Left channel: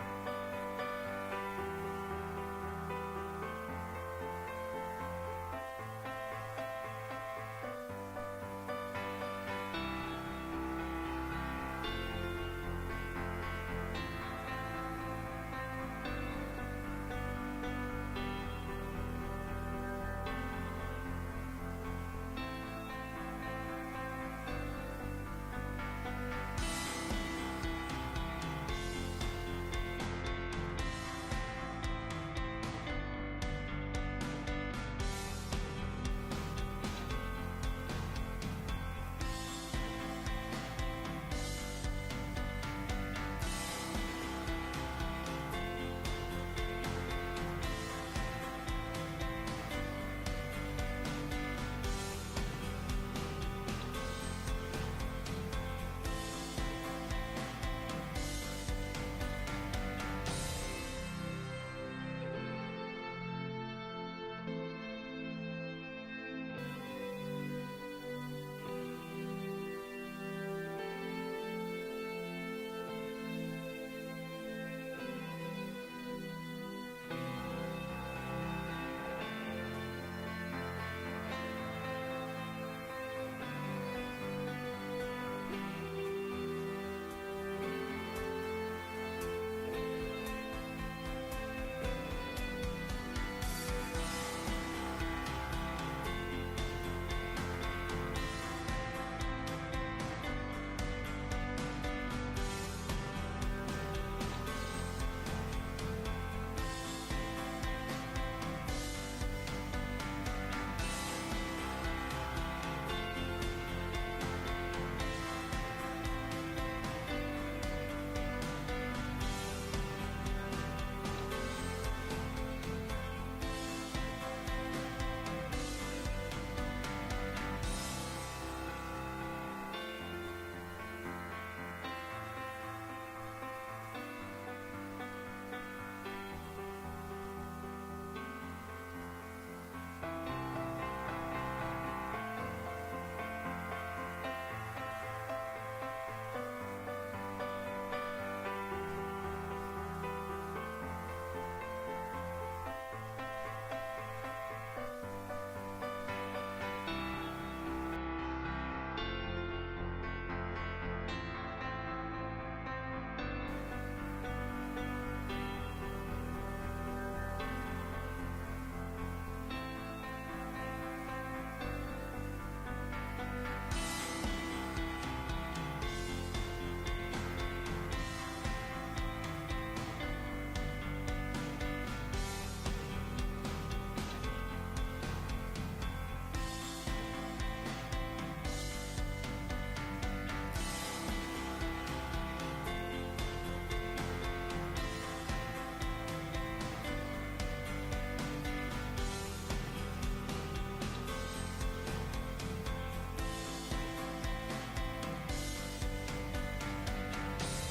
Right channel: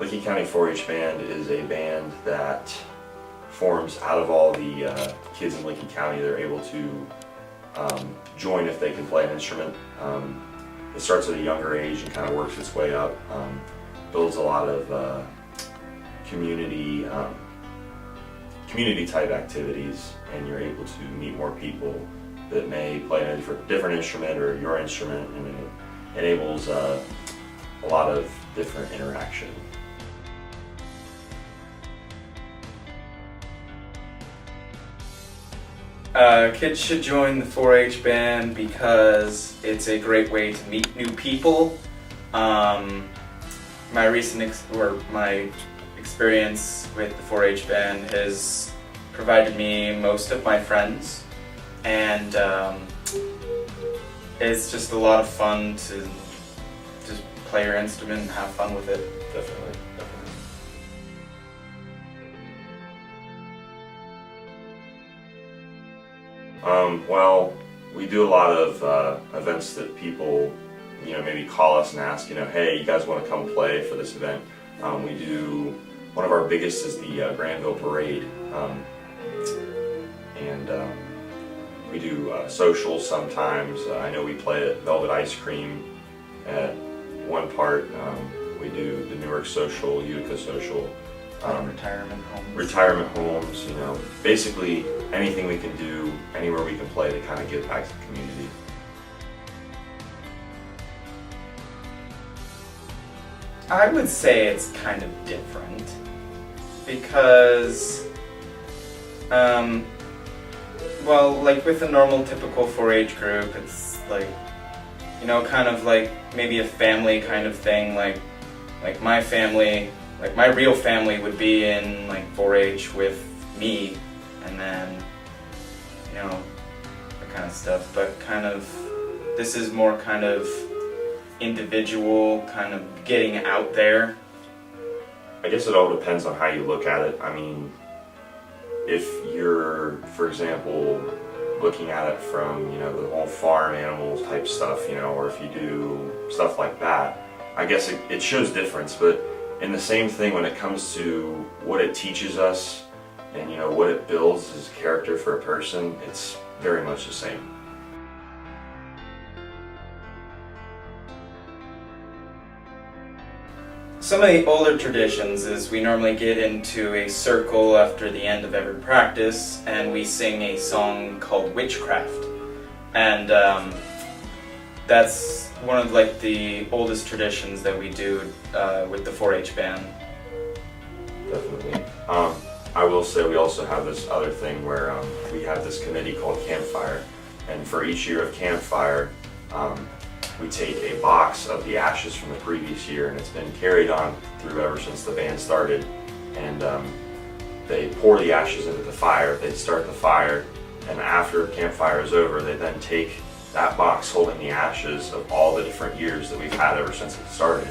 Licking County 4-H Band is a band that forms out of all the kids in Lincoln County. They're able to join if they can play an instrument. It starts at a younger age and kind of works its way up. Builds a lot of community type activities, and you're able to meet more people that may play a different instrument or your instrument, and it enables a lot of different interaction. Kids should join the 4-H band because it's a great way to meet new people. My experience with the 4-H band has provided me most of my friends, and it's just a lot of fun to just play your instrument and have fun with it. Definitely. Well, we do a lot of events that people, maybe call us and ask, hey, you guys want to come play for this event? We do, one of our biggest is the Granville Parade, and we do socials sometimes. I know we play at Velvet Ice Cream at one part. We do the Newark Social, Utica Social. Retirement homes, basically anything we can do, anywhere we can play to kind of give back to the community. I would say it's kind of different because, well, like with a normal typical 4-H group, it's like, kind of like maybe a family kind of thing, like my family. Like my real family would be in like 4-H with me, and then, that kind of stuff. But kind of, this is more kind of individual, kind of getting out there. I guess it all depends on how you look at it. I mean, if you're, for example, looking at it from, the whole farm animals type stuff, or if you do stuff like that, I guess it shows difference. But in the same thing, when it comes to what it teaches us and what it builds as character for a person, it's very much the same. Some of the older traditions is we normally get into a circle after the end of every practice, and we sing a song called Witchcraft, and that's one of like the oldest traditions that we do with the 4-H band. Definitely. I will say we also have this other thing where we have this committee called Campfire, and for each year of Campfire, we take a box of the ashes from the previous year, and it's been carried on through ever since the band started, and they pour the ashes into the fire, they start the fire, and after Campfire is over, they then take that box holding the ashes of all the different years that we've had ever since it started,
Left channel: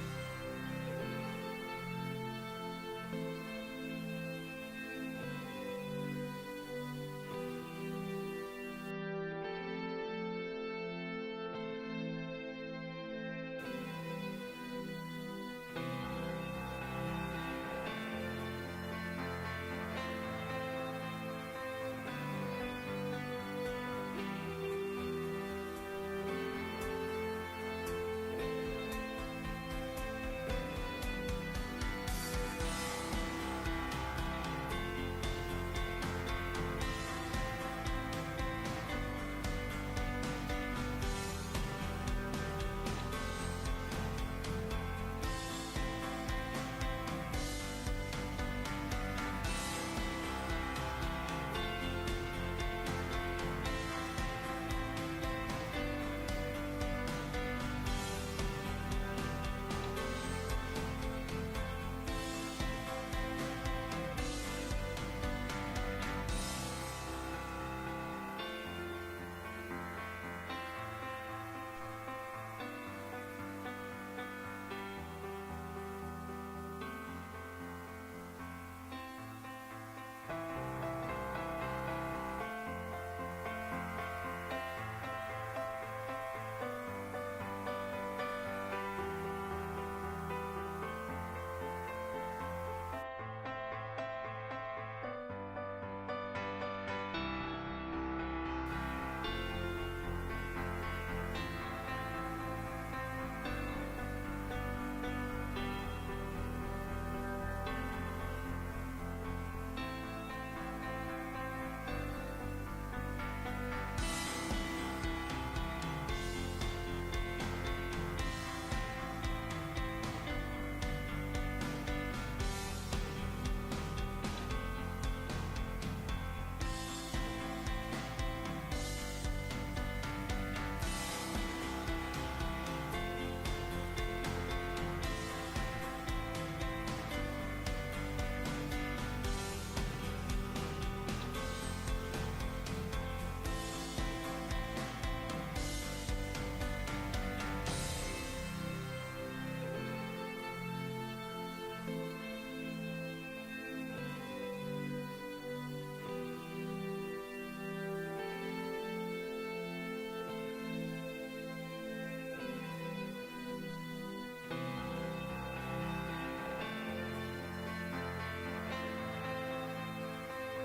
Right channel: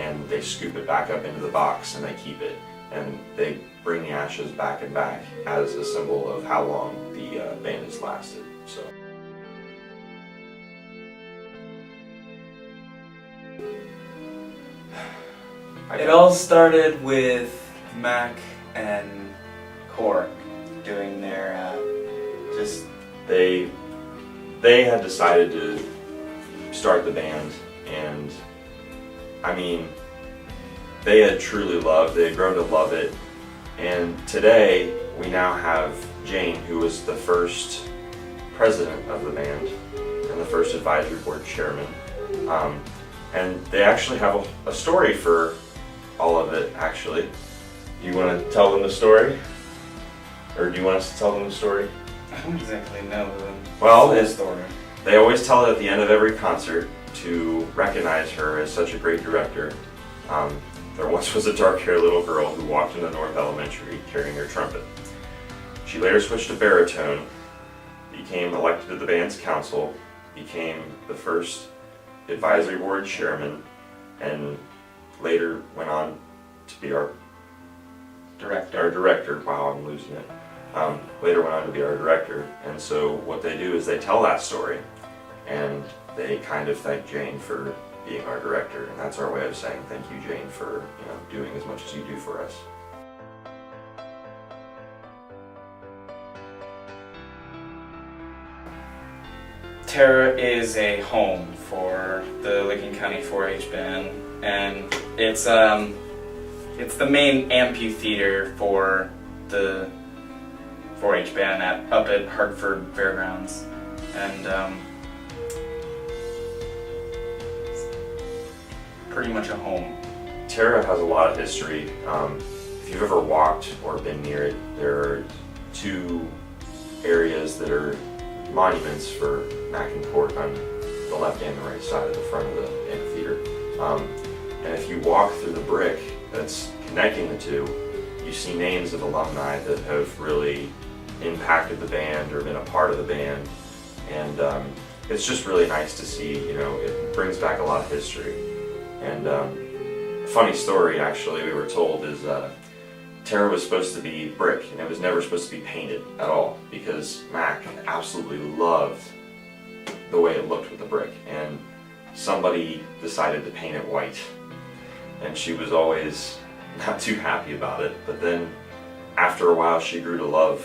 and they scoop it back up into the box and they keep it, and they bring the ashes back and back as a symbol of how long the band has lasted. So. It all started with Mac and Core doing their They had decided to start the band, and I mean, they had grown to love it, and today we now have Jane, who was the first president of the band and the first advisory board chairman, and they actually have a story for all of it, actually. Do you want to tell them the story? Or do you want us to tell them the story? I don't exactly know the story. They always tell it at the end of every concert to recognize her as such a great director. There once was a dark-haired little girl who walked into North Elementary carrying her trumpet. She later switched to baritone, became elected to the band's council, became the first advisory board chairman, and later went on to be our director. Wow, I'm losing it. Later went on to be our director, and so what they do is they tell that story, and they kind of thank Jane for being our director, and that's our way of saying thank you, Jane, for doing as much as you do for us. Tara is a home for the Licking County 4-H band, and it's the main amphitheater for the 4-H band up at Hartford Fairgrounds, and pretty much a home. Tara has a lot of history. If you've ever walked or been near it, there are two areas that are monuments for Mac and Court on the left and the right side of the front of the amphitheater. And if you walk through the brick that's connecting the two, you see names of alumni that have really impacted the band or been a part of the band. And it's just really nice to see, it brings back a lot of history. And funny story, actually, we were told is Tara was supposed to be brick, and it was never supposed to be painted at all, because Mac absolutely loved the way it looked with the brick, and somebody decided to paint it white, and she was always not too happy about it. But then after a while she grew to love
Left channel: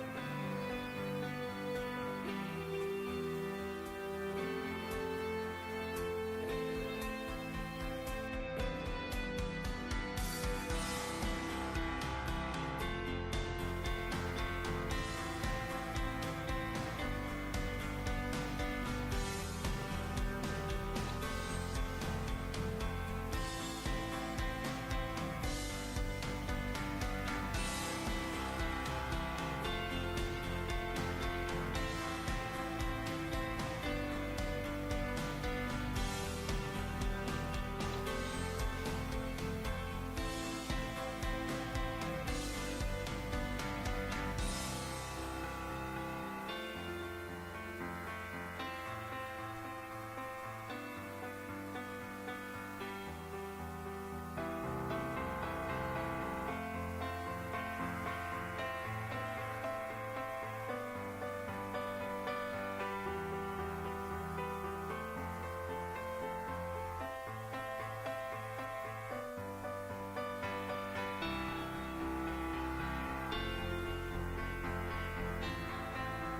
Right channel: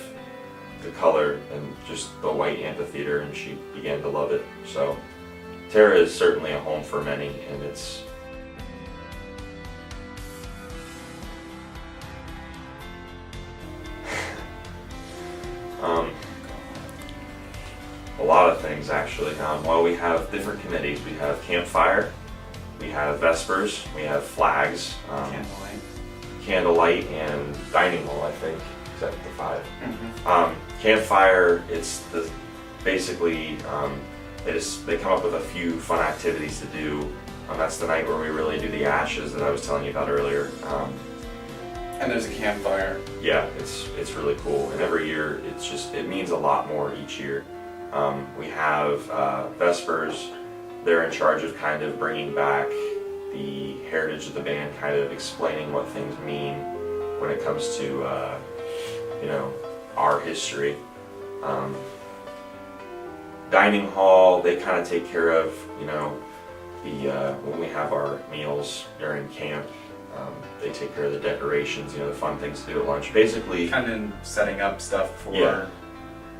the color and just the white amphitheater, and she began to love it. So Tara is certainly a home for many, and it's a lot of things, actually. Well, we have different committees. We have campfire, we have vespers, we have flags, candlelight, and dining hall, I think, except the 5. Mm-hmm. Campfire, it's basically they come up with a few fun activities to do. That's the night where we really do the ashes that I was telling you about earlier. And there's a campfire. Yeah, it's really cool, and every year it means a lot more each year. We have Vespers. They're in charge of kind of bringing back the heritage of the band, kind of explaining what things mean when it comes to our history. Dining hall, they kind of take care of when we have our meals during camp. They take care of the decorations, the fun things to do at lunch. Basically, kind of setting up stuff for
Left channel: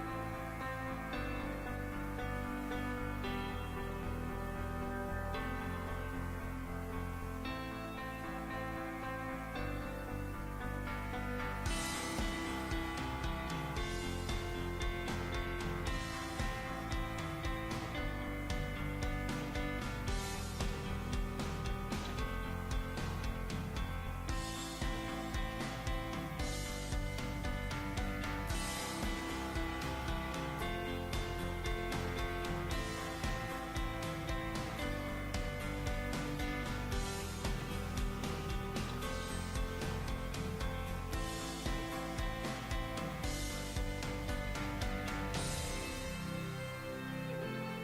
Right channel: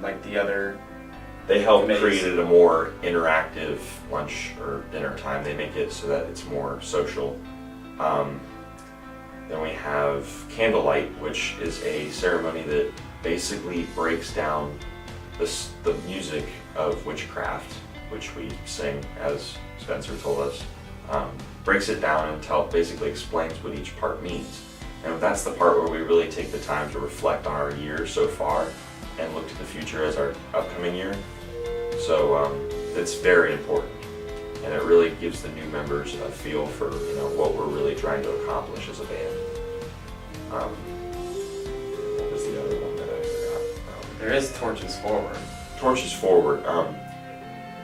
like the other. They help committees. create a more interactive lunch or dinner time. They make it so that it's more social. Then we have candlelight, which is a ceremony that basically breaks down the music of witchcraft, which we sing, as Spencer told us. Breaks it down and basically explains what each part means. And that's the part where we really take the time to reflect on our year so far and look to the future as our upcoming year. So it's very important, and it really gives the new members a feel for what we're really trying to accomplish as a band. What was the other one that I forgot? There is Torches Forward. Torches Forward.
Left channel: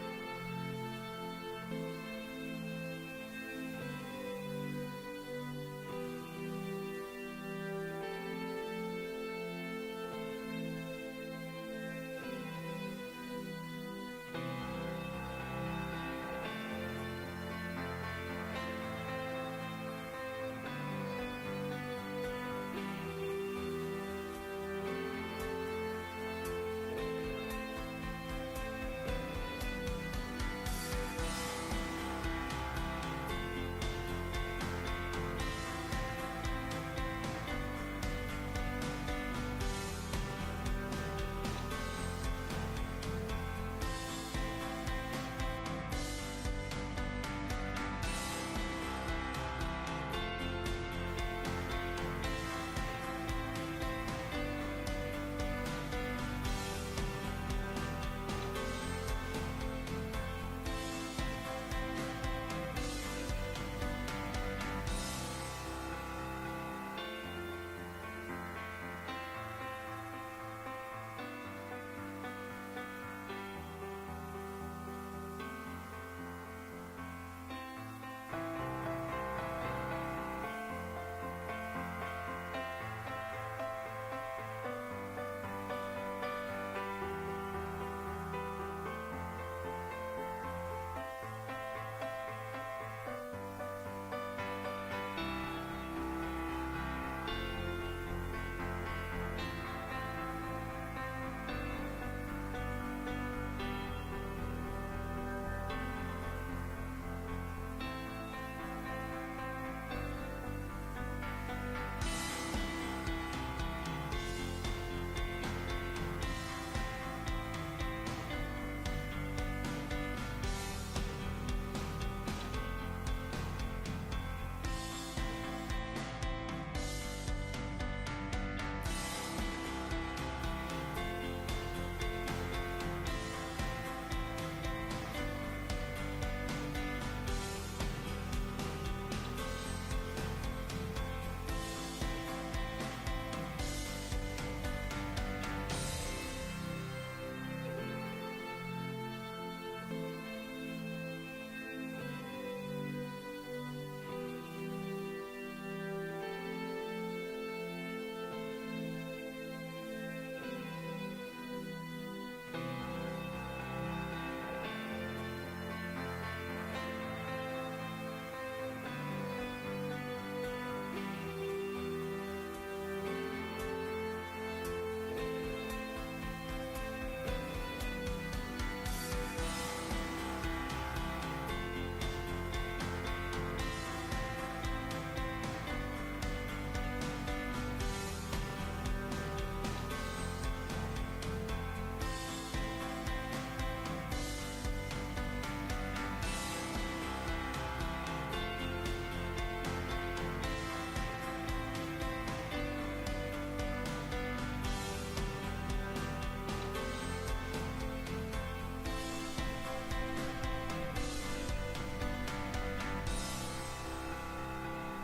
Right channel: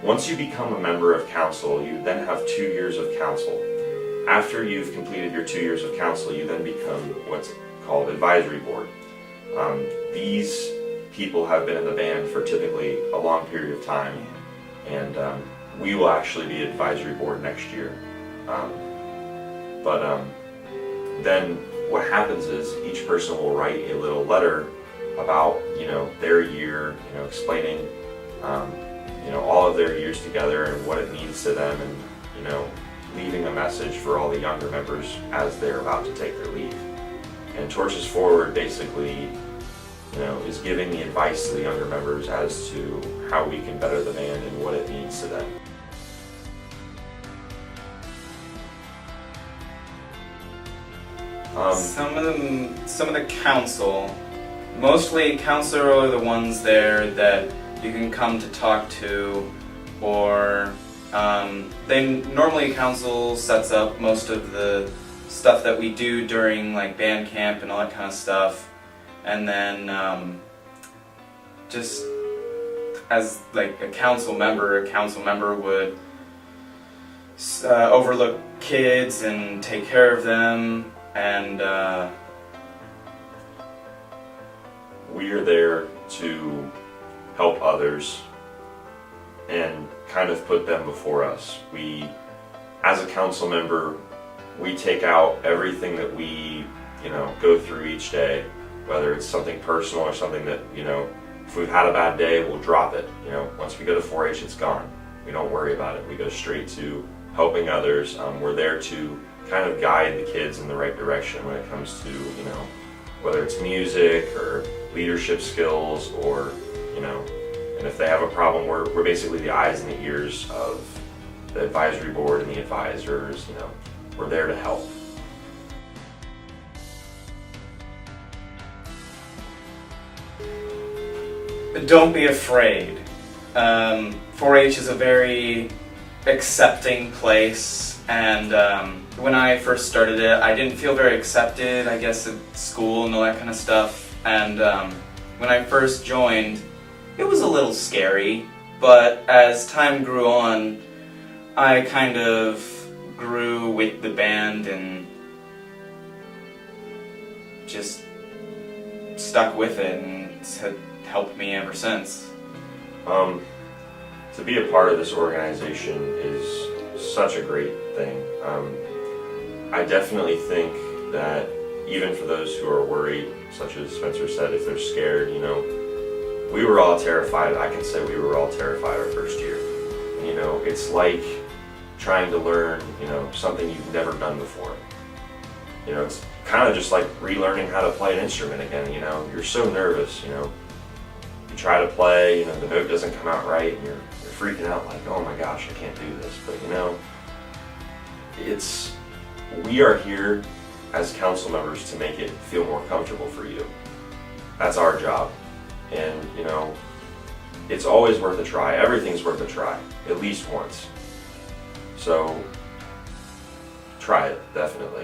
Once you become a member of council, you then have 2 years of council. After you've completed your 2 years of council, you then become what's called advisory board. These people have been in the band for typically a long period of time, and we will actually be advisory board next year. Then what happens is each person will write a little letter about their year, explaining all of their years together and what it means to them, and leaving a message for all the younger members as they're about to take their leave. And Torches Forward basically is giving the advice to the younger members as to how we can better the band and what it means to them. Some of the council, mostly council are the ones there that you can come to talk to, or normally council sets up most of the stuff that we do during like band camp and all that kind of stuff, and then just as like a council member would overlook kids and take care of them, and we are there to help others and kind of put them before us. as a council member, we take out everything that we, go through each day, whether it's something personal or something that, if we've had a bad day, we'll drop it. Once we go to 4-H, it's gone. We don't worry about it. We go straight to helping others. We're there to kind of guide the kids in the right direction when it comes to, whether it's music or leadership skills or, and if they have a problem, we're basically the eyes and the ears of the advisory board and the advisors, we're there to help. Don't be afraid. 4-H is a very accepting place, and when I first started it, I didn't feel very accepted, I guess, at school and all that kind of stuff. And when I first joined, it was a little scary, but as time grew on, I kind of grew with the band and just stuck with it, and it's helped me ever since. To be a part of this organization is such a great thing. I definitely think that even for those who are worried, such as Spencer said, if they're scared, we were all terrified. I can say we were all terrified our first year. It's like trying to learn, something you've never done before. It's kind of just like relearning how to play an instrument again, You're so nervous, You try to play, the note doesn't come out right, and you're freaking out like, oh my gosh, I can't do this. But we are here as council members to make it feel more comfortable for you. That's our job. And, it's always worth a try. Everything's worth a try, at least once. So, try it, definitely.